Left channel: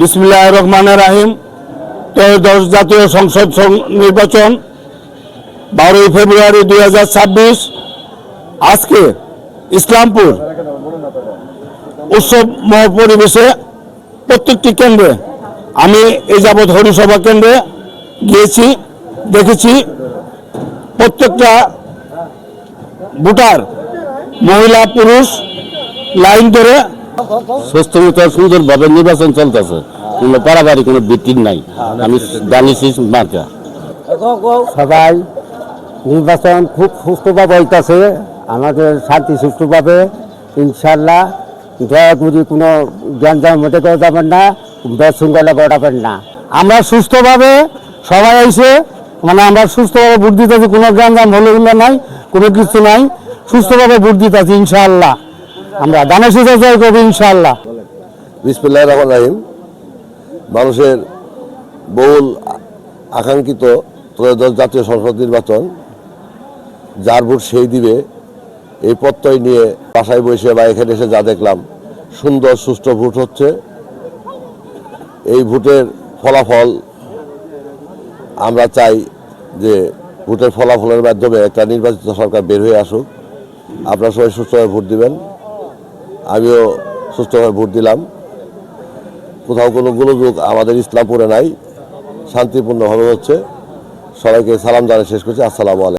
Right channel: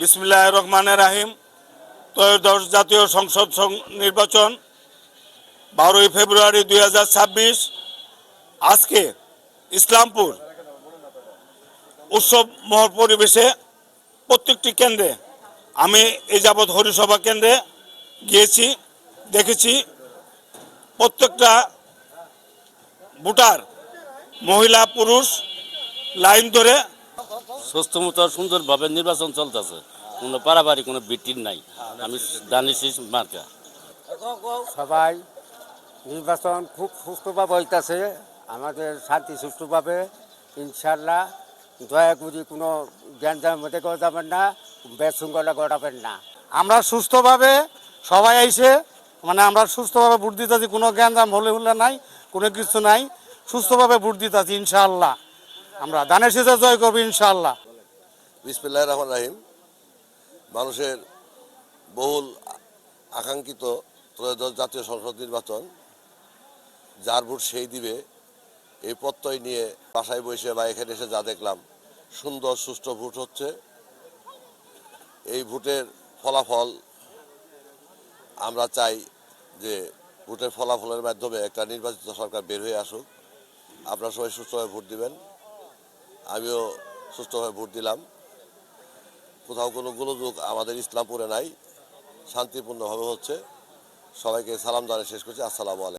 বিসমিল্লাহির রহমানির রহিম। ত্রয়োদশ জাতীয় সংসদ নির্বাচন 12 ফেব্রুয়ারি 2026। আজকে ইসলামপুর উৎসবময় পরিবেশে প্রত্যেকটি কেন্দ্রে আমি এই যাবৎ হরিসভা কেন্দ্রে গিয়েছি, দেখেছি প্রত্যেকটা ভোটার মহিলা পুরুষ লাইন ধরে সুস্থমতো সুন্দরভাবে নির্বাচন চলতেছে, কোনো পারাবাড়ি কোনো ভিত্তির নাই। আমি জানিছি মার্কা সবাই নির্বাচন খুব সুষ্ঠুভাবে হইতেছে, আমাদের শান্তি সুষ্ঠুভাবে ইনশাল্লাহ। দয়া করি কোনো জ্ঞানজামের মধ্যে কেউ যাবেন না, বেশৃঙ্খলা ঘটাবেন না। আমরা সুস্থভাবে সবাই আইসে আমরা সুস্থভাবে ভোট দিতেছি, কোনো জ্ঞানজাম হলে নাই, কোনো কিছু নাই, সুস্থভাবে ভোট দিতেছি ইনশাআল্লাহ। আমরা দানের শীষে জয় করবো ইনশাআল্লাহ। বিসমিল্লাহির রহমানির রহিম। মানুষের বহুল আকাঙ্ক্ষিত ত্রয়োদশ জাতীয় সংসদ নির্বাচন, যার ভোট সেই দিবে, এই প্রত্যয় নিয়ে বাসায় বসে বা এখানে এসে যা দেখলাম, সুন্দর সুষ্ঠু ভোট হচ্ছে। এই ভোটের ফলাফল আমরা চাই যে ভোটের ফলাফলের মাধ্যমে একটা নির্বাচিত সরকার বের হয়ে আসুক। আপনারা সবাই সুষ্ঠুভাবে ভোট দিবেন, আমিও সুষ্ঠুভাবে ভোট দিলাম। কোথাও কোনো গোলযোগ আমাদের ইসলামপুরে নাই, শান্তিপূর্ণভাবে হচ্ছে। সবাইকে সালাম জানিয়ে শেষ করছি। আসসালামু আলাইকুম।